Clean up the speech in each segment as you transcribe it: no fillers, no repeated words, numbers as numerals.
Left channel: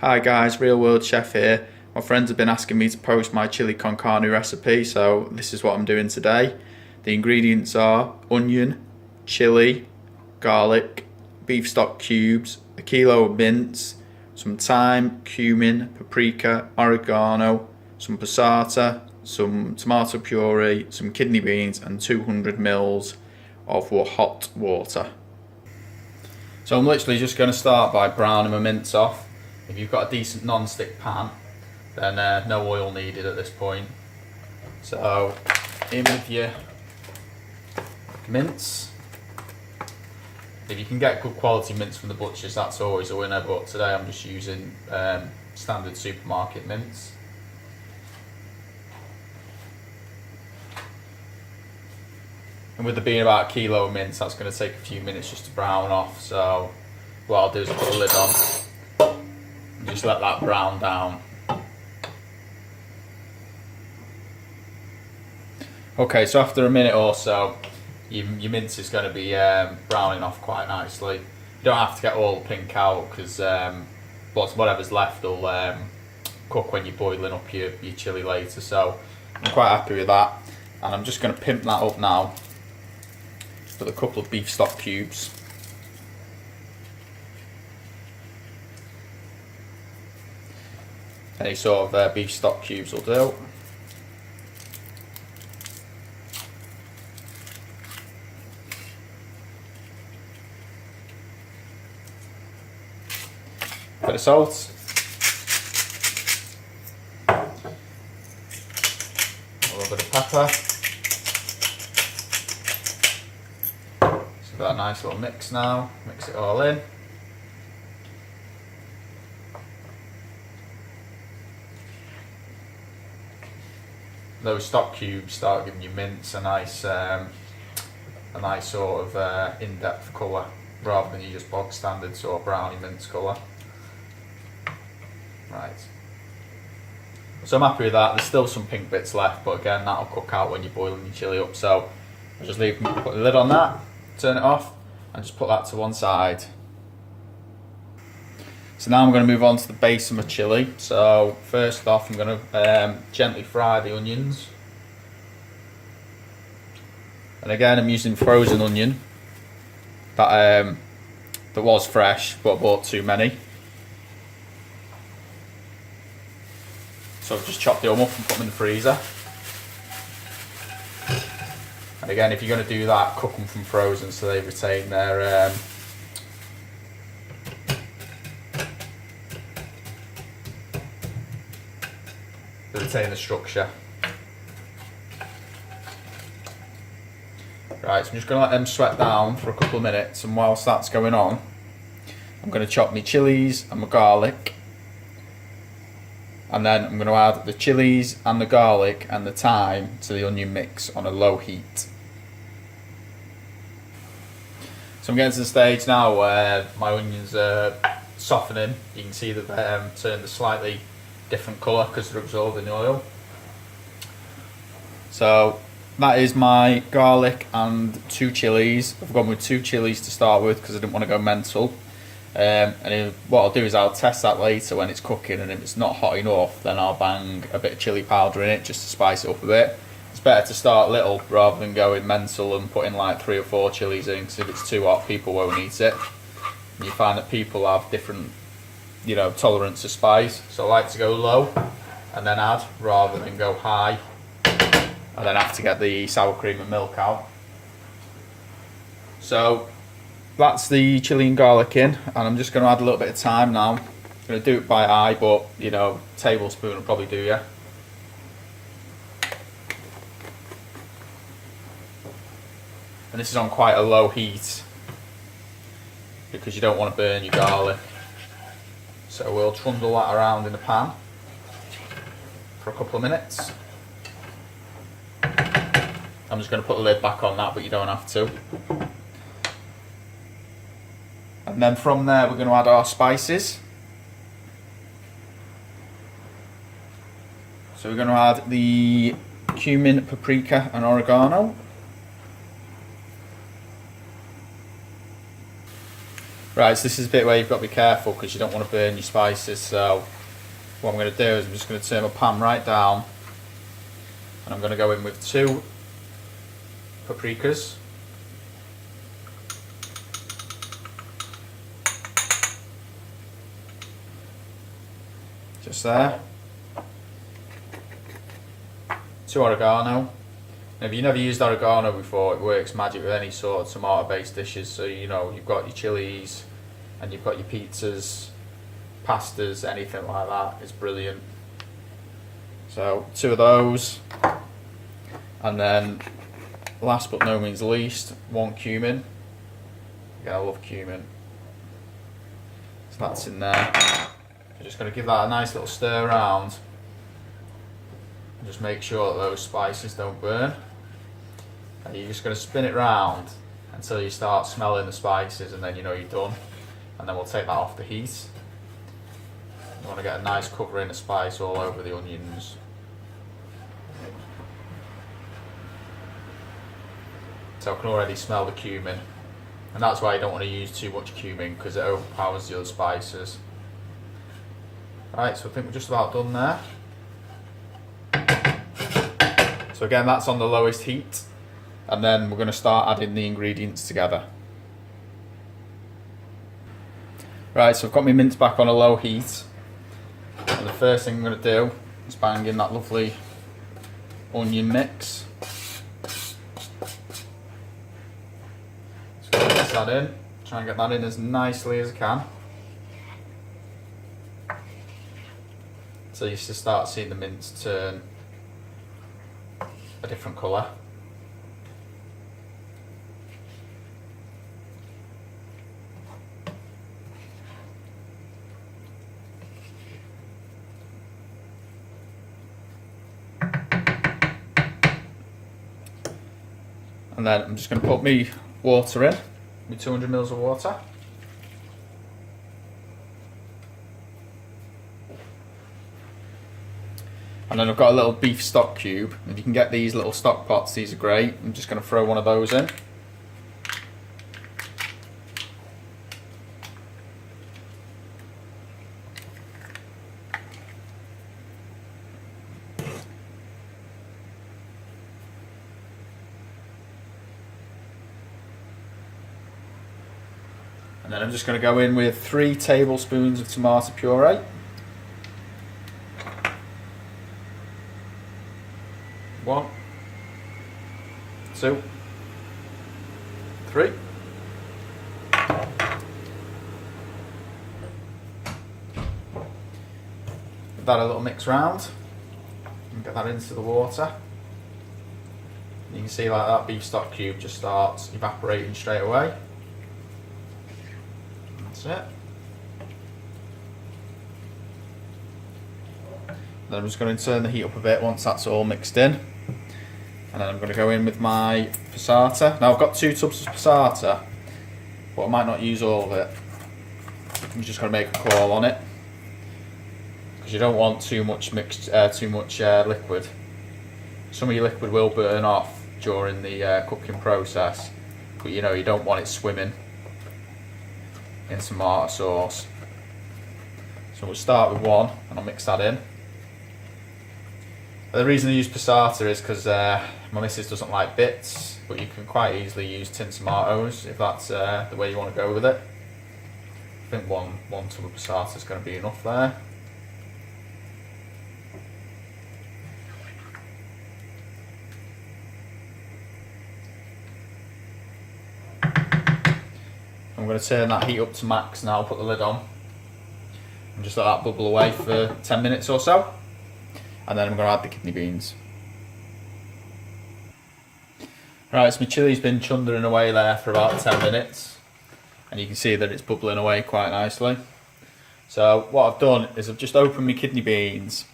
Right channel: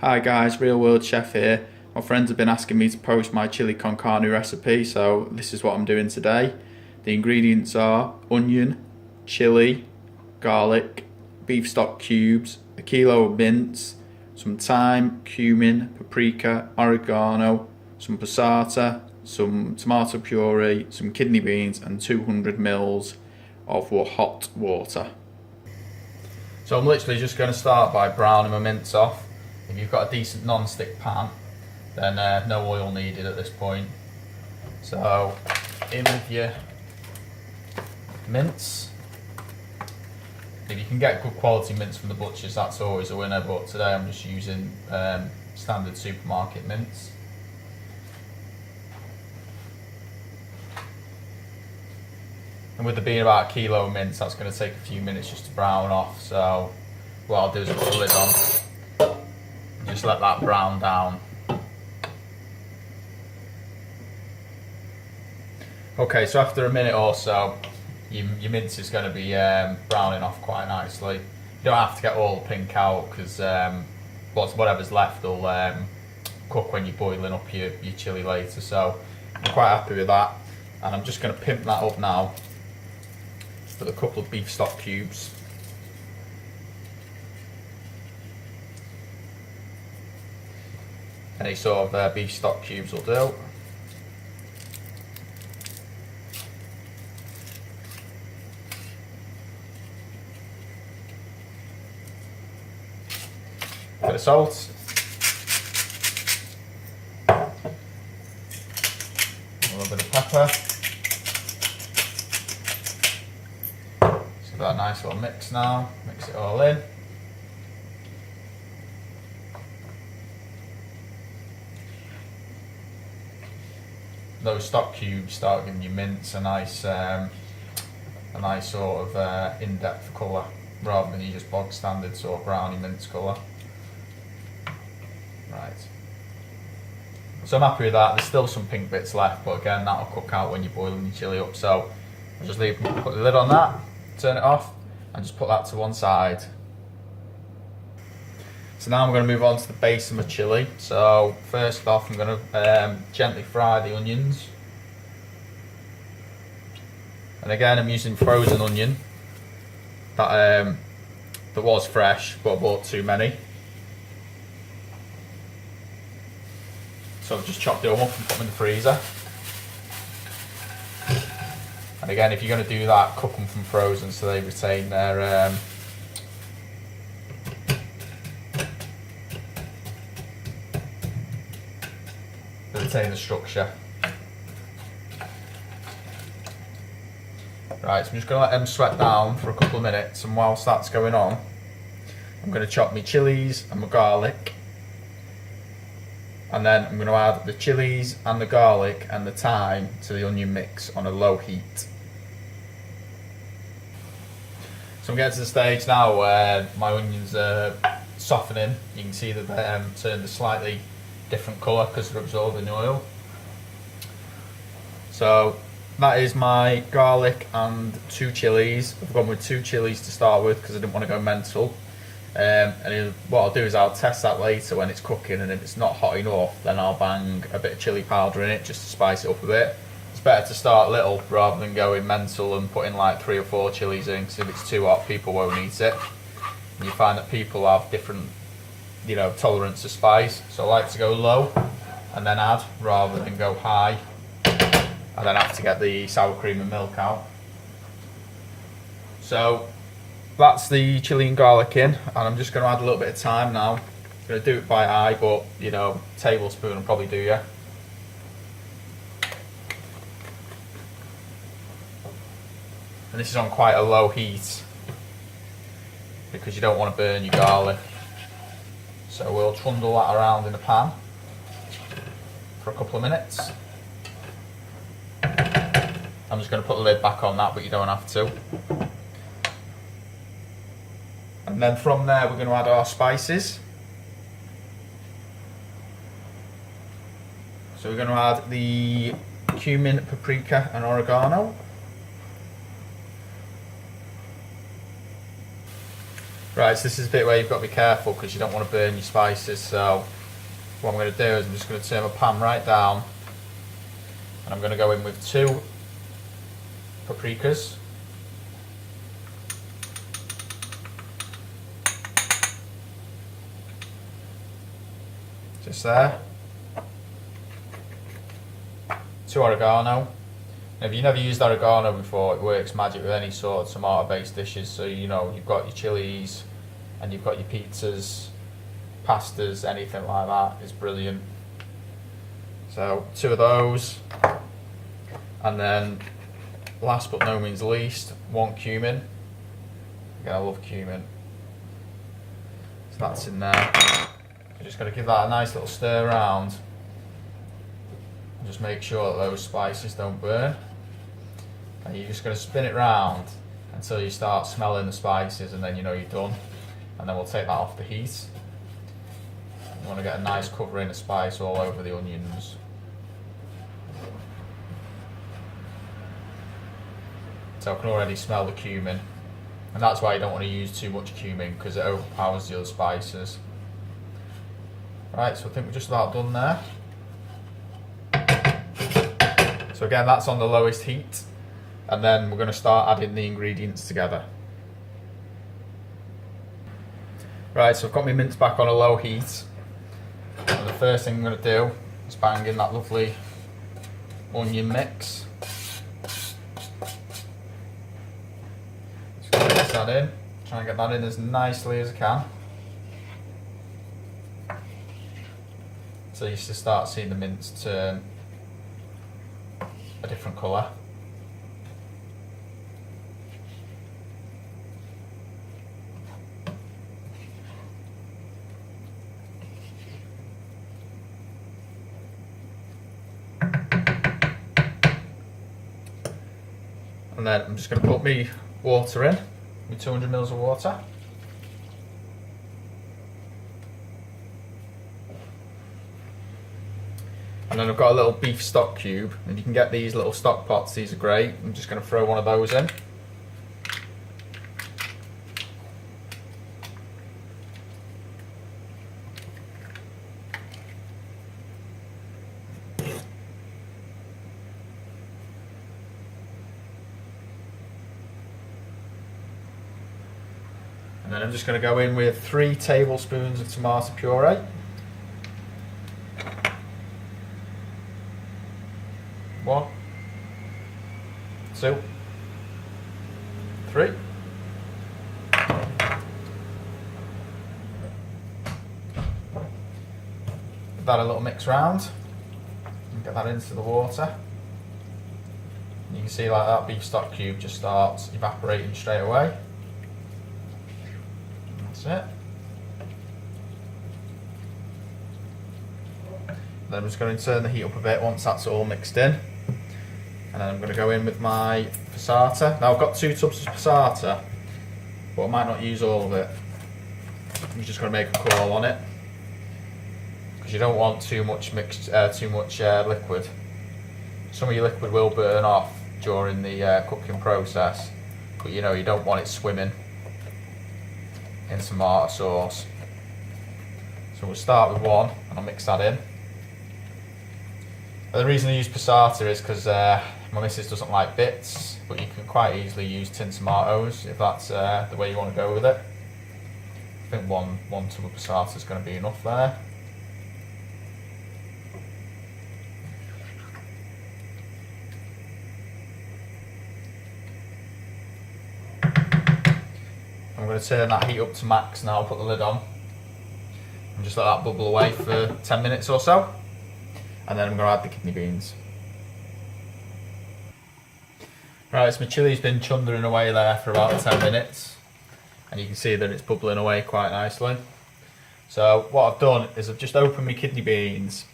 Hi guys, Arealworldchef here. My friends have been asking me to post my chili con carne recipe, so this is what I'm doing today. The ingredients are onion, chili, garlic, beef stock cubes, a kilo of mince, some thyme, cumin, paprika, oregano, some passata, some tomato puree, some kidney beans and 200 ml of hot water. So I'm literally just going to start by browning my mince off. If you've got a decent non-stick pan, then no oil needed at this point. So in with your mince. If you can get good quality mince from the butchers, that's always a winner, but today I'm just using standard supermarket mince. And with there being about a kilo of mince, that's going to take a few minutes just to brown off. So what I'll do is put the lid on and just let that brown down. Okay, so after a minute or so, your mince is going to be browning off quite nicely. You don't have to get all the pink out because whatever's left will cook when you're boiling up your chilli later. So I'm quite happy with that, and I'm just going to pimp that up now with a couple of beef stock cubes. Any sort of beef stock cubes will do. Bit of salt. A little bit of pepper. So that nice little mix now. Mix it all in. Those stock cubes start giving you mince a nice sort of in-depth colour, rather than you just bog standard sort of browny mince colour. Right. So I'm happy with that. There's still some pink bits left, but again that'll cook out when you're boiling your chilli up. So I'll just put the lid on that, turn it off, and just put that to one side. So now I'm going to move on to the base of my chilli. So first off, I'm going to gently fry the onions. And again, I'm using frozen onion that was fresh, but I bought too many. So I've just chopped it all up and put them in the freezer. And again, if you're going to do that, cook them from frozen so they retain their the structure. Right, so I'm just going to let them sweat down for a couple of minutes, and whilst that's going on, I'm going to chop my chilies and my garlic, and then I'm going to add the chilies and the garlic and the thyme to the onion mix on a low heat. So I'm getting to the stage now where my onions are softening. You can see that they've turned a slightly different colour because they're absorbing the oil. So that is my garlic and 2 chilies. I've gone with 2 chilies to start with because I didn't want to go mental. What I'll do is I'll test that later when it's cooking, and if it's not hot enough, then I'll bang a bit of chilli powder in it just to spice it up a bit. It's better to start little rather than going mental and putting like 3 or 4 chilies in, because if it's too hot, people won't eat it. And you find that people have different, tolerance to spice. So I like to go low and then add, rather than go high and then have to get the sour cream and milk out. So that's the chilli and garlic in, and I'm just going to add a little bit of thyme now. I'm going to do it by eye, but tablespoon will probably do you. And this is on quite a low heat because you don't want to burn your garlic. So we'll trundle that around in the pan for a couple of minutes. I'm just going to put the lid back on that, but you don't have to. And then from there we're going to add our spices. So we're going to add the cumin, paprika and oregano. Right, so this is a bit where you've got to be careful because you don't want to burn your spices. So what I'm going to do is I'm just going to turn my pan right down, and I'm going to go in with 2 paprikas. Just there. 2 oregano. Now, if you've never used oregano before, it works magic with any sort of tomato-based dishes. So you know you've got your chilies, and you've got your pizzas, pastas, anything like that. It's brilliant. So 2 of those, and then last but no means least, 1 cumin. Again, I love cumin. So that's in there. I'm just going to give that a nice little stir around. Just make sure that those spices don't burn. And you're just going to spin it round until you start smelling the spices, and then you know you're done. And then we'll take that off the heat. You want to get a nice covering of spice all over the onions. So I can already smell the cumin. And that's why you don't want to use too much cumin, because it overpowers the other spices. Right, so I think we're just about done there. So again, that's on the lowest heat, and then we're going to start adding the ingredients together. Right, so I've got my mince back on a low heat, and the first thing I'm going to do is bang in that lovely onion mix. Just going to mix that in, try and get that in as nicely as I can. So you should start seeing the mince turn a different colour. And then I'm just going to put my water in, my 200 ml of water. And then I've got a little beef stock cube, and you can get these little stock pots, these are great. I'm just going to throw one of those in. And then I'm just going to go in with 3 tablespoons of tomato puree. 1, 2, 3. Give that a little mix round and get that into the water. You can see like that beef stock cube just starts evaporating straight away. That's it. Then I'm just going to turn the heat up a bit once that's all mixed in. And then I'm going to go in with my passata. Now I've got 2 tubs of passata, but I might not use all of it. I'm just going to make a call on it, because you don't want too much liquid. Some of your liquid will burn off during the cooking process, but you know you don't want it swimming in tomato sauce. So we'll start with 1, and I'll mix that in. The reason I use passata is because my missus doesn't like bits, but you can quite easily use tin tomatoes if that's the way you want to go with it. I think one tub of passata is going to be enough there. I'm going to turn that heat up to max now, put the lid on, and just let that bubble away for 10 minutes or so. And then I'm going to add the kidney beans. Right, so my chilli's been chundering away there for about 10 minutes. And you can see that it's bubbling away quite nicely. So what I've done is I've just opened my kidney beans.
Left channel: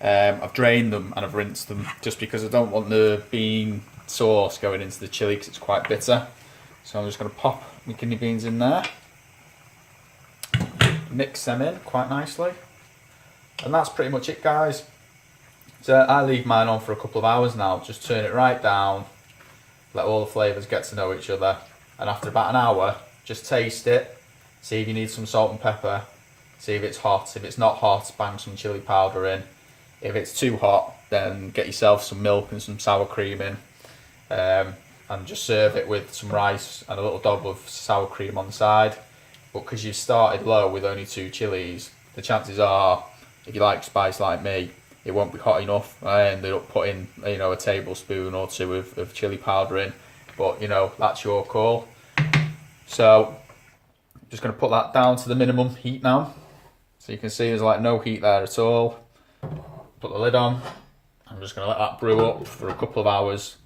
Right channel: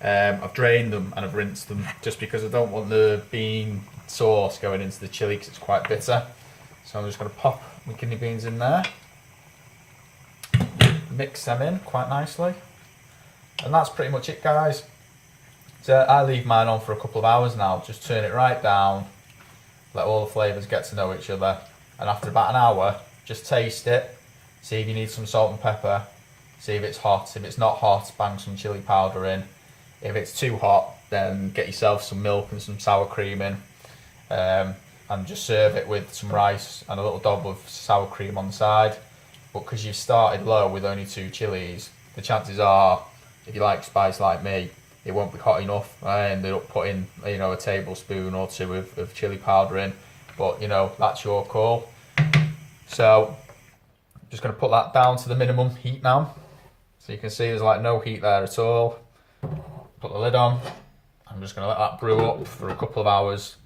I've drained them and I've rinsed them, just because I don't want the bean sauce going into the chilli because it's quite bitter. So I'm just going to pop my kidney beans in there. Mix them in quite nicely. And that's pretty much it, guys. So I leave mine on for a couple of hours now, just turn it right down, let all the flavours get to know each other, and after about an hour, just taste it, See if you need some salt and pepper. See if it's hot. If it's not hot, bang some chili powder in. If it's too hot, then get yourself some milk and some sour cream in. And just serve it with some rice and a little dob of sour cream on the side. But because you've started low with only 2 chilies, the chances are, if you like spice like me, it won't be hot enough. I ended up putting, a tablespoon or 2 of chili powder in, but that's your call. So I'm just going to put that down to the minimum heat now. So you can see there's like no heat there at all. Put the lid on. I'm just going to let that brew up for a couple of hours,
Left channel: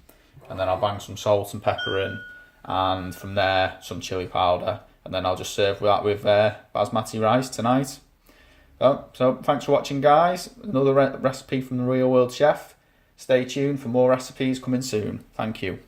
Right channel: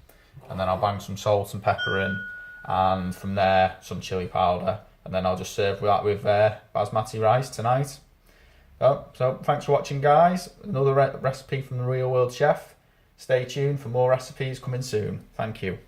and then I'll bang some salt and pepper in, and from there some chili powder, and then I'll just serve that with basmati rice tonight. So thanks for watching, guys. Another recipe from the Real World Chef. Stay tuned for more recipes coming soon. Thank you.